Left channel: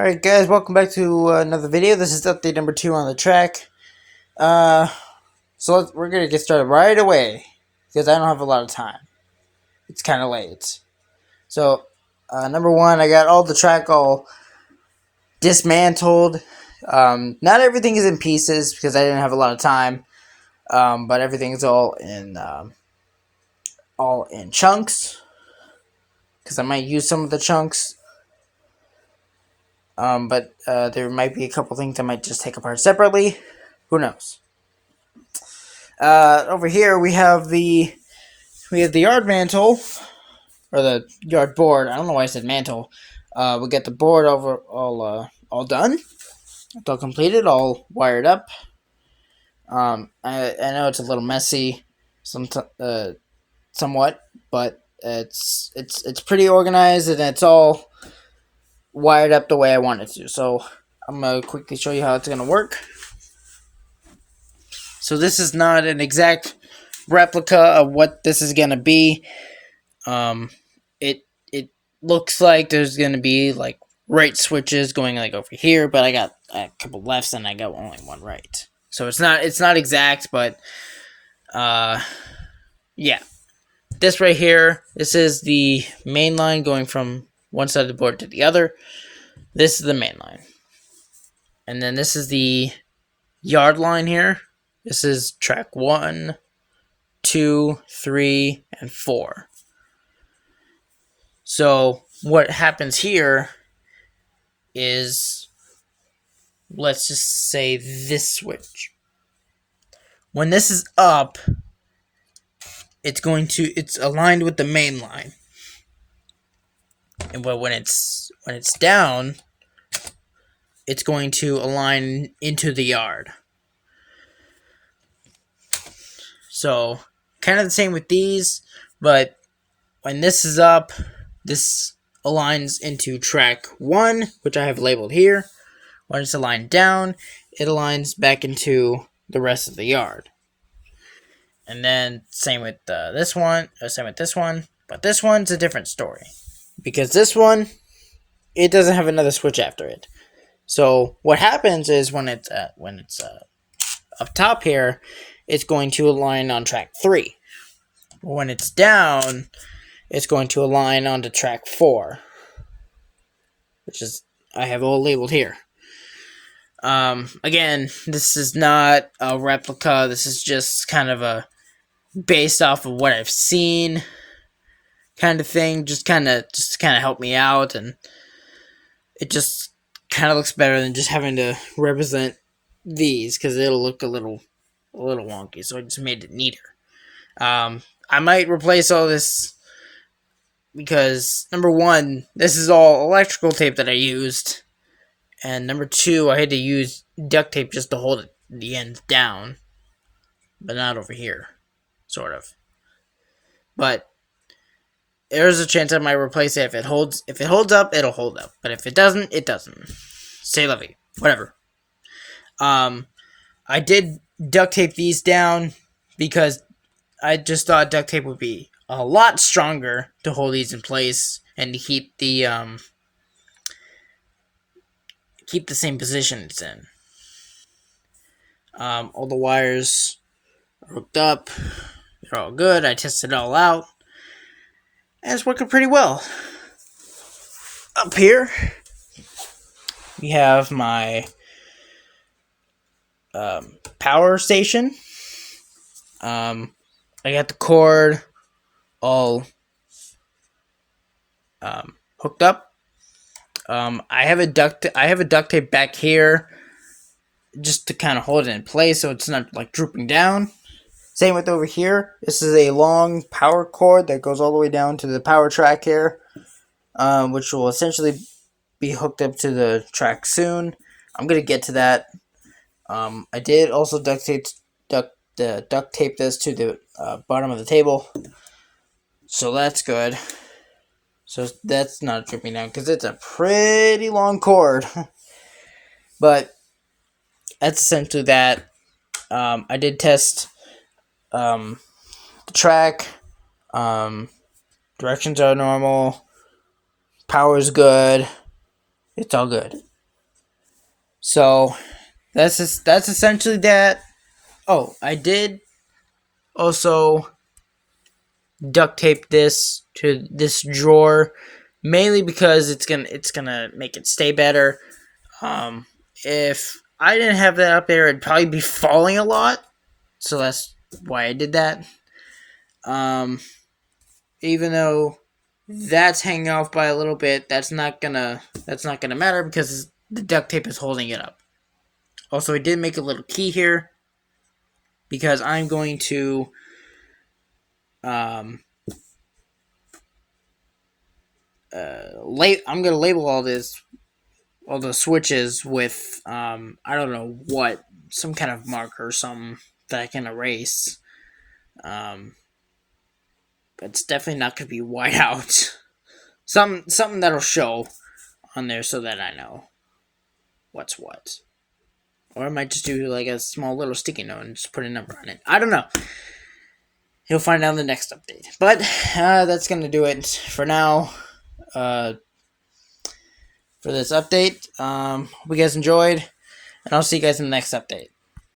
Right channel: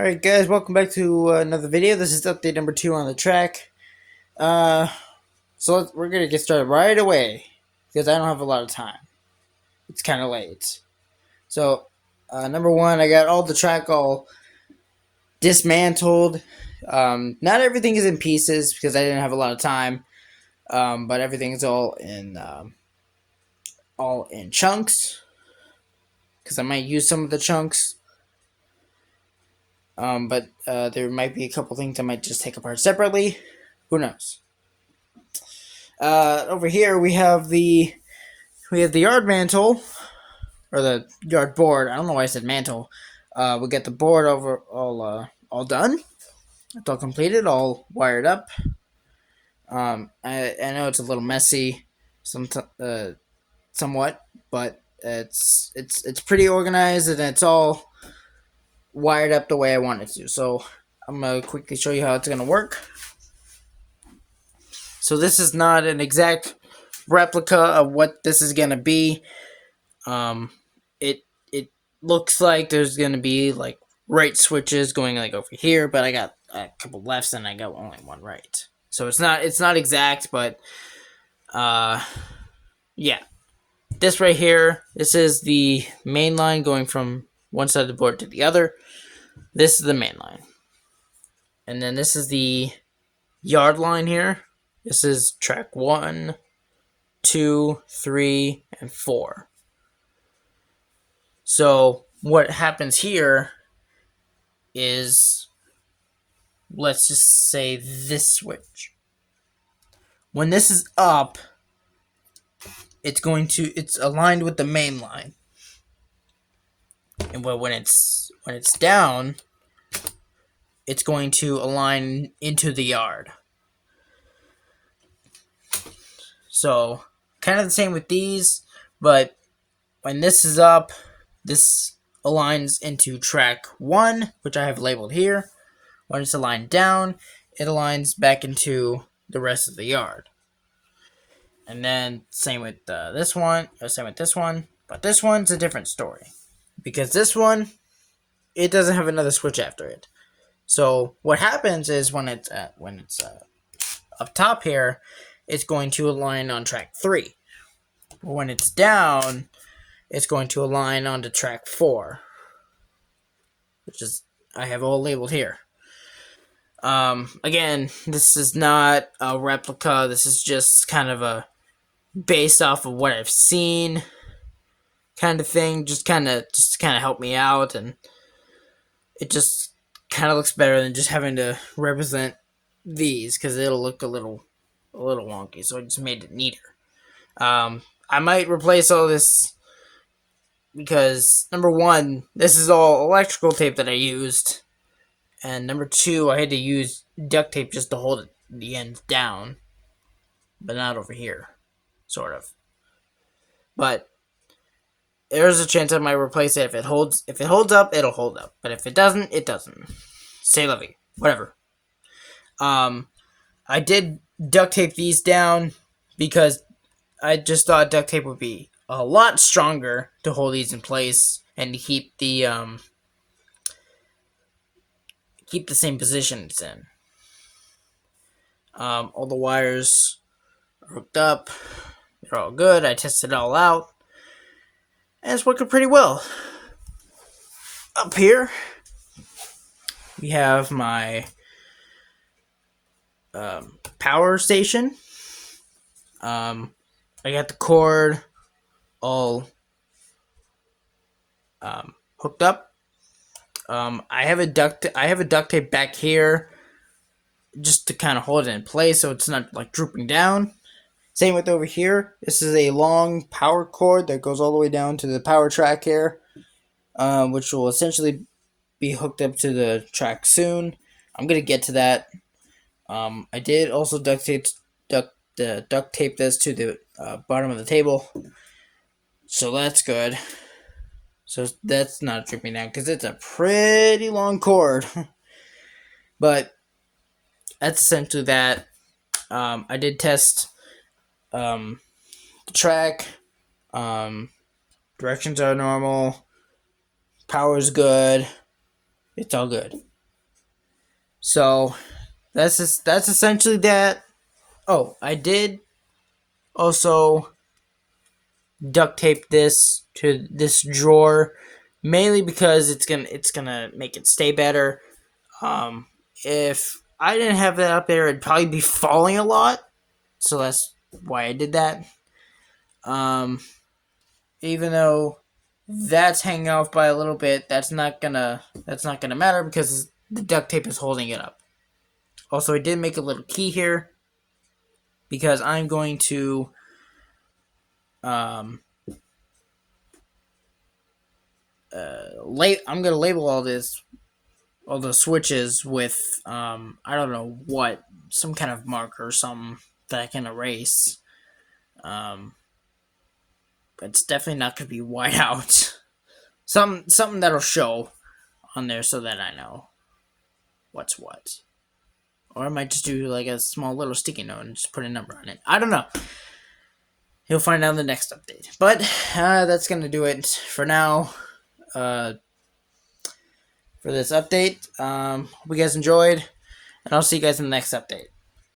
Alright guys, welcome back to another video. This is update number 2 on the track. Uh, we're gonna get started right away, because I don't have a lot of time. It's kind of late. So, number 1, I got all the track all dismantled. Not everything is in pieces, because I didn't have a lot of time. But everything's all in chunks, because I might use some of the chunks. But there might be a couple things I might just take apart separately. Who knows? Over here we have the yard mantle, or the yard board. I don't know why I said mantle. We get the board all done. It's all completed, all wired up. I know it's a little messy, somewhat, but it's pretty organized and it's all wired up the way I want it to. So I'm gonna quickly show you how it's gonna work. So this is not an exact replica of what this is gonna be. It looks like there's gonna be like right switches going like over here, but I got a couple lefts and I got only one right. So it's not exact, but yeah. This right here, this is the main line going from one side of the board to the other. This is the main line. And then this is the yard line here. This is track 1, 2, 3, and 4. So what happens here is, let's just say this switch. When this is up, it's aligned with the main line. And when it's down, it's going to align into the yard. So, kind of the same with these, but when this is up, this aligns into track 1, which I have labeled here. When it's aligned down, it aligns back into the rest of the yard. And then same with this one, same with this one, but this one's a different story, because this one, it doesn't have another switch after it. So what happens is when it's up top here, it's going to align on track 3. When it's down, it's going to align onto track 4, which is, I have all labeled here. Again, this is not a replica. This is just kind of a based off of what I've seen kind of thing. Just kind of help me out, and it just kind of looks better than just having to represent these, because it'll look a little wonky. So I just made it neater. I might replace all this because, number 1, this is all electrical tape that I used, and number 2, I had to use duct tape just to hold the ends down, but not over here, sort of. But there's a chance I might replace it. If it holds up, it'll hold up. But if it doesn't, it doesn't. C'est la vie. Whatever. I did duct tape these down because I just thought duct tape would be a lot stronger to hold these in place and to keep the same position it's in. All the wires are hooked up. They're all good. I tested it all out. And it's working pretty well. Up here, we have my power station. I got the cord all hooked up. I have a duct tape back here just to kind of hold it in place so it's not like drooping down. Same with over here. This is a long power cord that goes all the way down to the power track here, which will essentially be hooked up to the track soon. I'm gonna get to that. I did also duct tape this to the bottom of the table, so that's good. So that's not dripping down because it's a pretty long cord, but that's essentially that. I did test the track. Directions are normal. Power's good. It's all good. So that's essentially that. Oh, I did also duct tape this to this drawer, mainly because it's gonna make it stay better. If I didn't have that up there, it'd probably be falling a lot, so that's why I did that. Um, Even though that's hanging off by a little bit, that's not gonna matter because the duct tape is holding it up. Also, I did make a little key here because I'm going to um, I'm gonna label all the switches with I don't know what, some kind of marker or something that I can erase. Um, but it's definitely not gonna be white out. Something that'll show on there so that I know what's what. Or I might just do like a small little sticky note and just put a number on it. I don't know. You'll find out in the next update. But that's gonna do it for now. For this update. Hope you guys enjoyed, and I'll see you guys in the next update.